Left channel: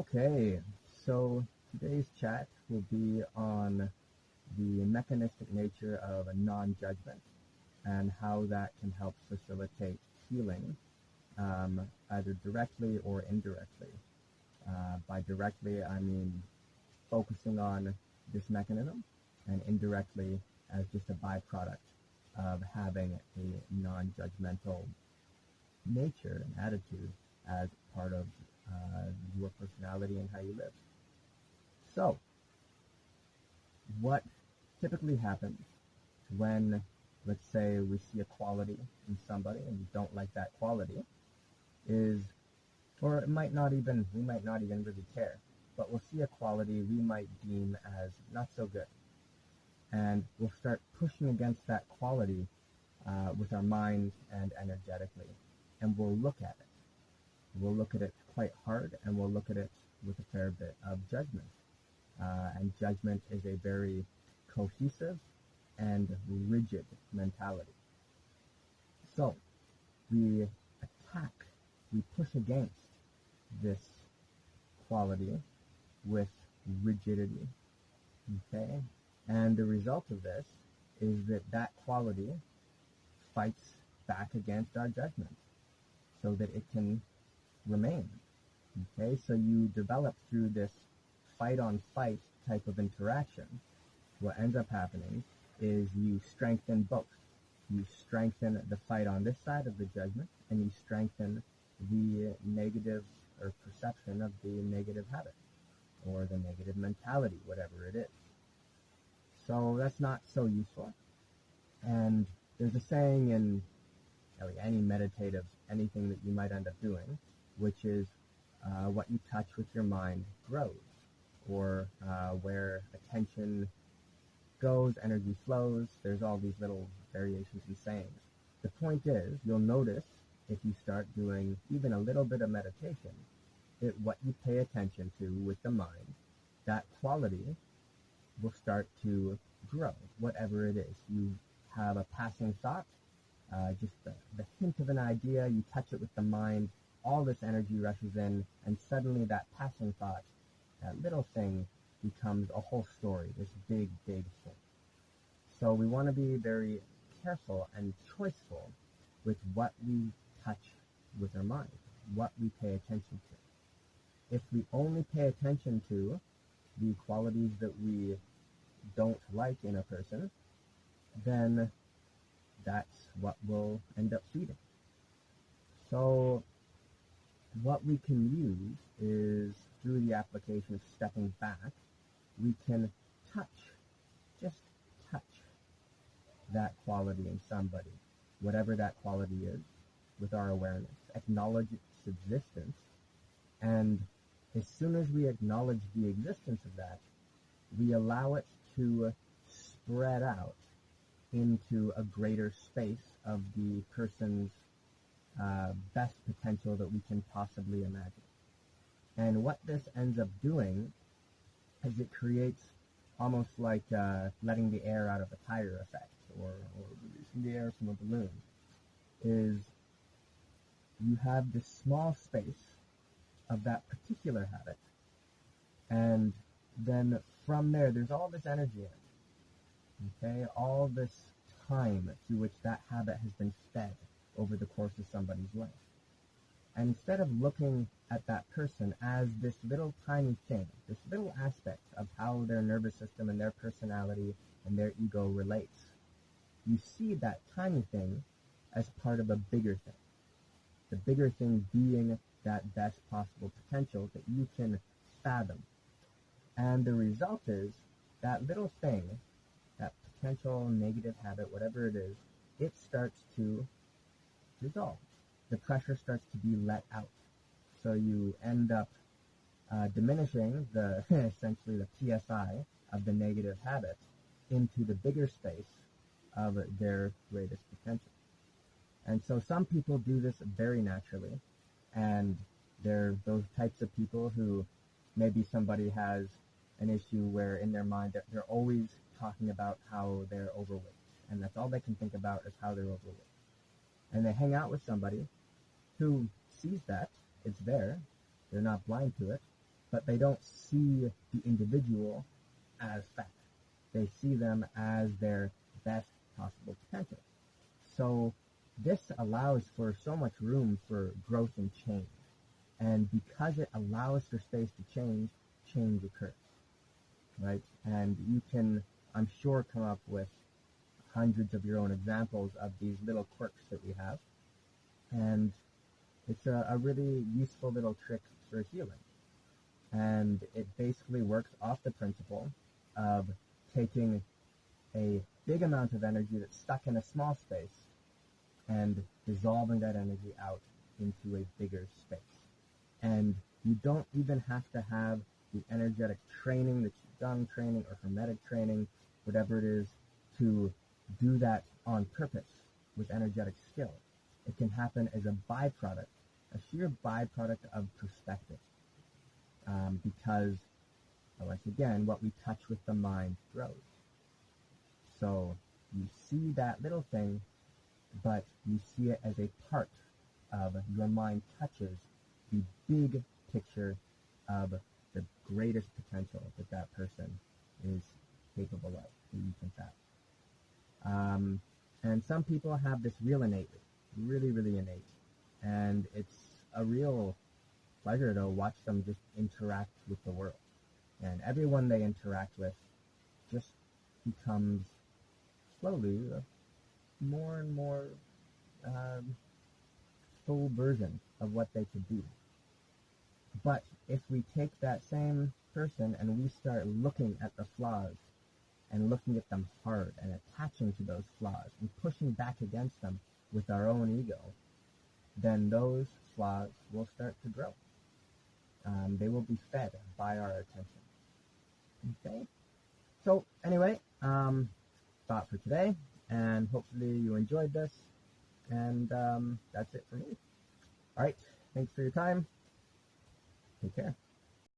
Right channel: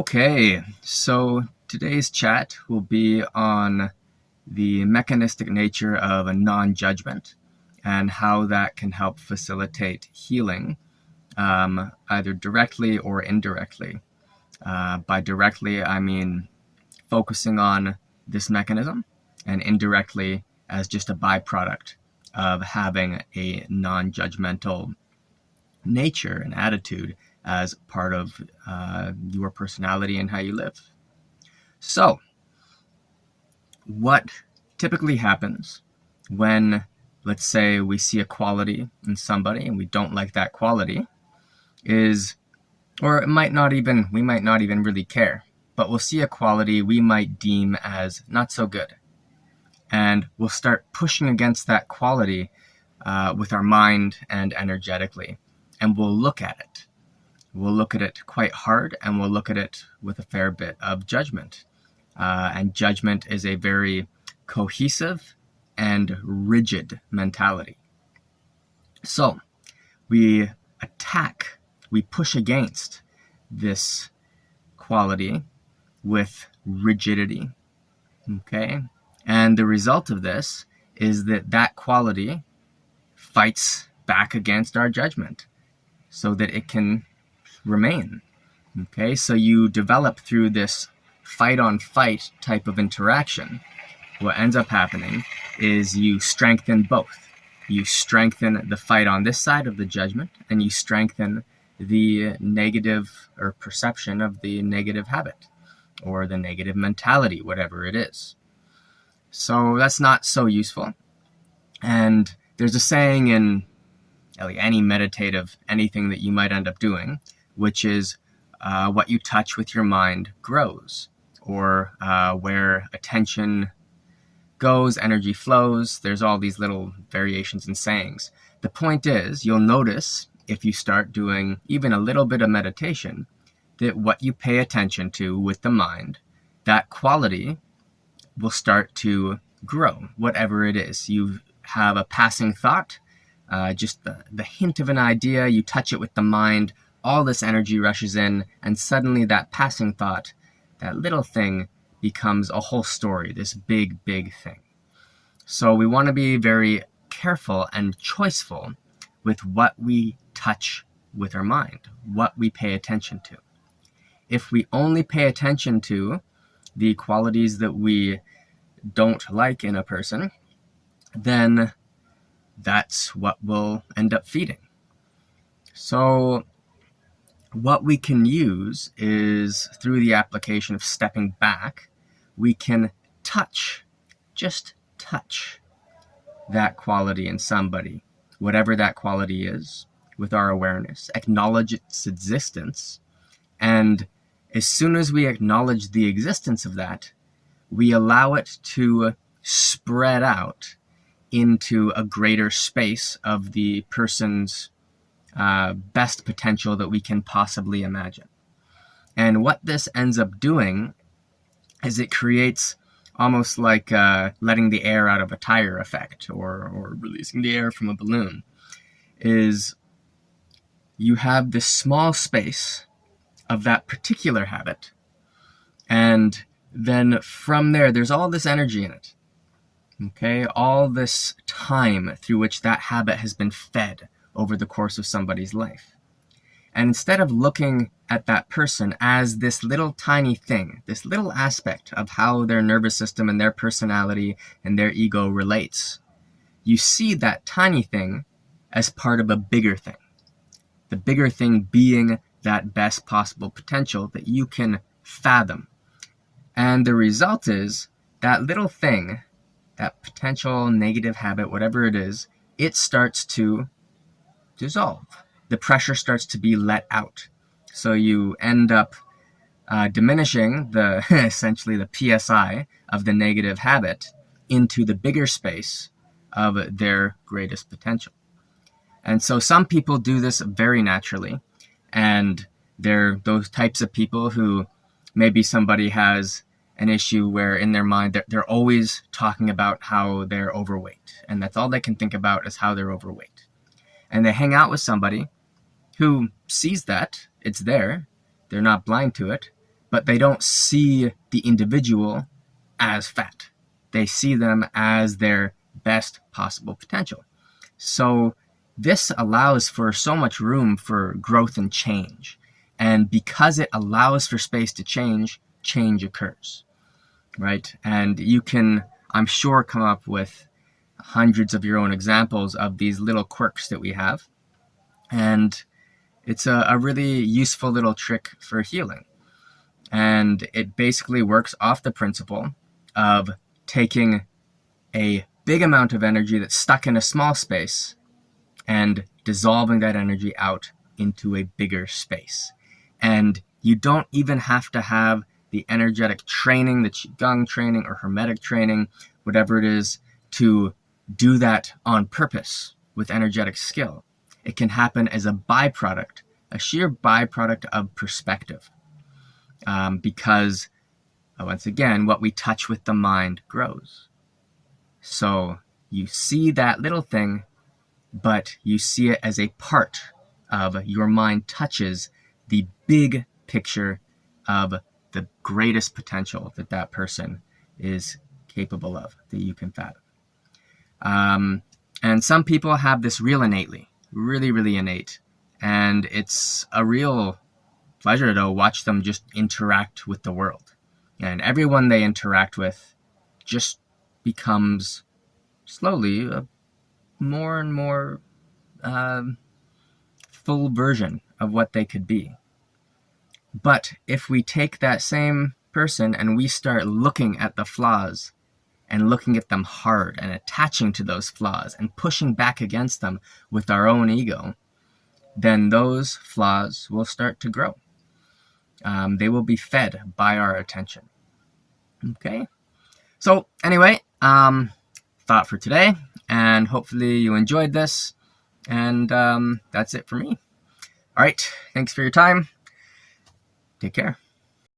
Okay, so today's chat will be on the mechanistic nature of a non-judgment and how that can help facilitate healing, either directly or indirectly. By directly, I mean focusing on this mechanism, and indirectly as just a byproduct of having a non-judgmental nature and attitude as part of your personality and how you live. So, what typically happens when, let's say, we see a quality in somebody and we don't like that quality is, or it might not even, we might not even really care, but we'll see a quality we might deem as not so good. And we'll start pushing against that quality with our mind and energetically. And we'll look at it. We'll look at it quite hard, and we'll look at it with a fair bit of judgment. And judgment is a very cohesive and rigid mentality. So we attack, we push against this quality with rigidity, okay? And the result of this is that that quality fights back against our judgment so that it can remain, okay? So you develop through this fight-on-fight type of interaction. What ends up happening is you strengthen both. You strengthen the fight on this side of the judgment, and you strengthen the negative or perception of the negative habit or the negative mentality, whatever it is. So that's not so useful. And there's a saying in like any meditative, anything that you might end up doing, which is what you touch with your mind grows, or where attention goes, energy flows. There's all these little variations and sayings. The point is, you'll notice if you start doing even a little bit of meditation, that what you pay attention to with the mind, that quality will start to grow, whatever it is. You have a passing thought, just the hint of an idea, you touch it with the mind, all this energy rushes in, and suddenly that passing thought, that little thing, becomes a whole story, this big, big thing. So we want to be very careful and choiceful with what we touch with our mind, what we pay attention to. If we only pay attention to the qualities that we don't like in a person, then that's what we'll end up feeding. So what we can use is, through the application of stepping back, we can touch, just touch that quality in somebody, whatever that quality is, with our awareness, acknowledge its existence, and as soon as we acknowledge the existence of that, we allow it to spread out into a greater space of the person's best potential that we can possibly imagine. And what this ends up doing is it creates almost like letting the air out of a tire effect, or releasing the air from a balloon. Is you have this small space of that particular habit, and then from there, there's all this energy in it, okay? All this time through which that habit has been fed over the course of somebody's life. And instead of looking at that person as this little tiny thing, this little aspect of how their nervous system and their personality and their ego relates, you see that tiny thing as part of a bigger thing. The bigger thing being that best possible potential that you can fathom. And the result is that little thing, that potential negative habit, whatever it is, it starts to dissolve. The pressure starts to be let out. So you end up diminishing the essentially the PSI of the negative habit into the bigger space of their greatest potential. And so some people do this very naturally, and they're those types of people who maybe somebody has an issue where in their mind they're always talking about how they're overweight, and that's all they can think about is how they're overweight. And they hang out with somebody who sees that it's there, they're not blind to it, but they don't see the individual as fat. They see them as their best possible potential. So this allows for so much room for growth and change. And because it allows for space to change, change occurs, right? And you can, I'm sure, come up with hundreds of your own examples of these little quirks that we have. And it's a really useful little trick for healing. And it basically works off the principle of taking a big amount of energy that's stuck in a small space and dissolving that energy out into a bigger space. And you don't even have to have the energetic training, the Qigong training or Hermetic training, whatever it is, to do that on purpose with energetic skill. It can happen as a byproduct, a sheer byproduct of perspective. Because, once again, what we touch with the mind grows. So you see that little thing, but you see it as a part of your mind touches the big picture of the greatest potential that that person is capable of, that you can fathom. And some people have this real innately, really, really innate. And it's a real pleasure to watch them just interact with the world. And everyone they interact with just becomes slowly a more and more full version of what they could be. But if we take that same person and we start looking at the flaws and looking at them hard and attaching to those flaws and pushing back against them with our own ego, then those flaws will start to grow. They will be fed by our attention. Okay? So anyway, thought for today, and hopefully you enjoyed this, and that's it for me. All right, thanks for your time. Take care.